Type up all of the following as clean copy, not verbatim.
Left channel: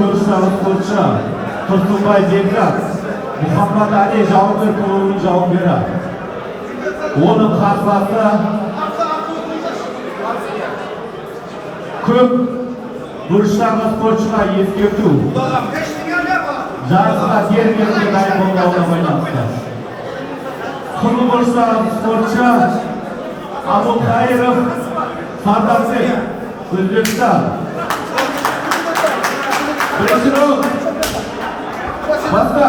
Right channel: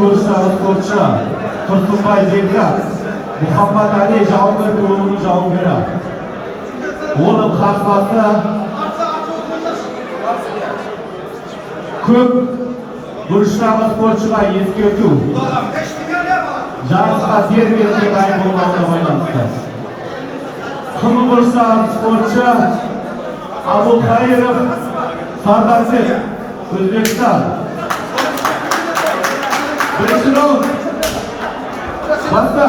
көрші спортшы Тұрсынбай Бекзат Мұхаммад Али жауынгер клубының жауынгері. Оның қарсыласы көп бұрыштағы спортшыға ескерту. Жарысқа дер-кезінде дайын болмауына байланысты. Қымыл бұрыштағы спортшы Абылқайыров Сардарбек, Өзбекстан. Бірінші раунд. Баста.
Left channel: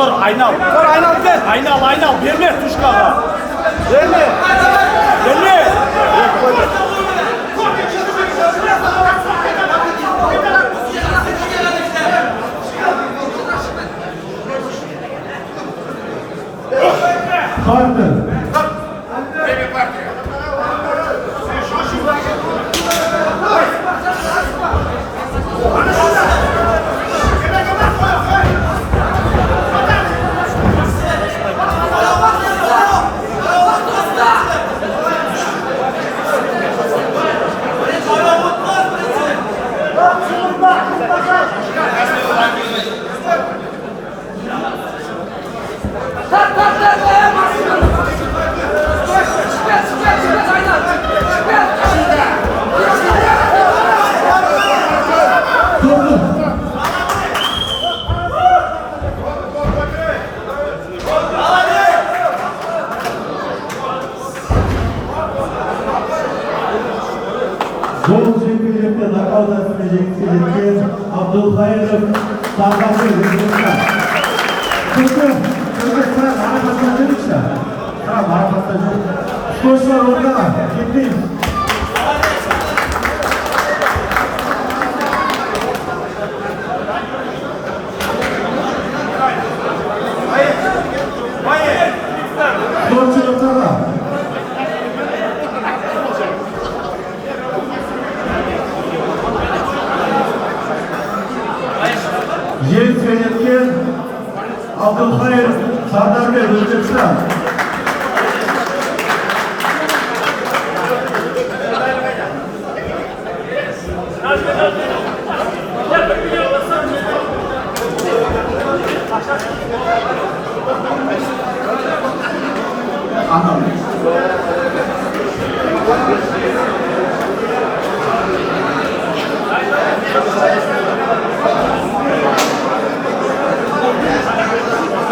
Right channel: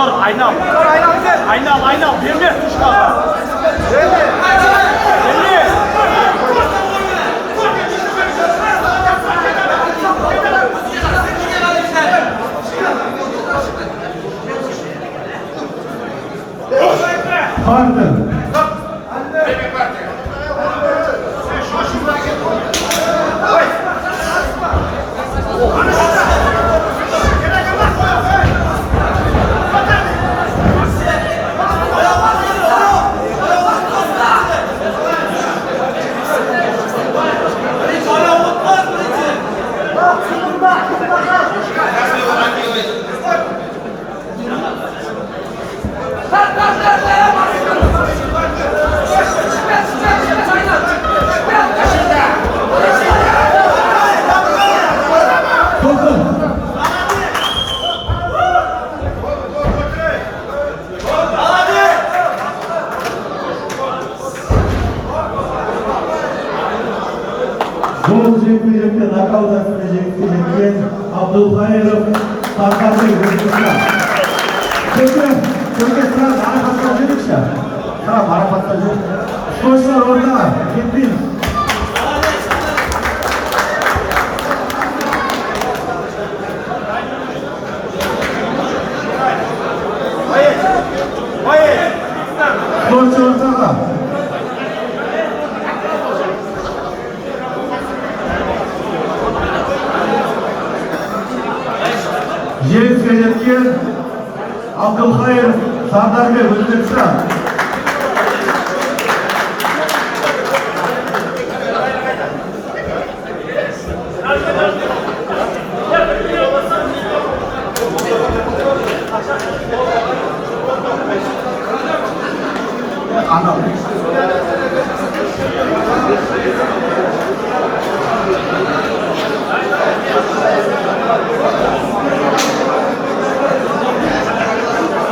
Dur, aynav. Aynav. Berme, tuşka. Berme. Partner. Бұл жекпе-жекте нокаут астында жеңіске жеткен Абдулхайыров Сардарбек Өзбекстан. Көке сразу марапаттан беріңізші. Сразу марапаттан жоқ. Спортшылар ортаға кетпейміз. Спортшы ортаға. Жеңіске жеткен Абдулхайыров Сардарбек Өзбекстан.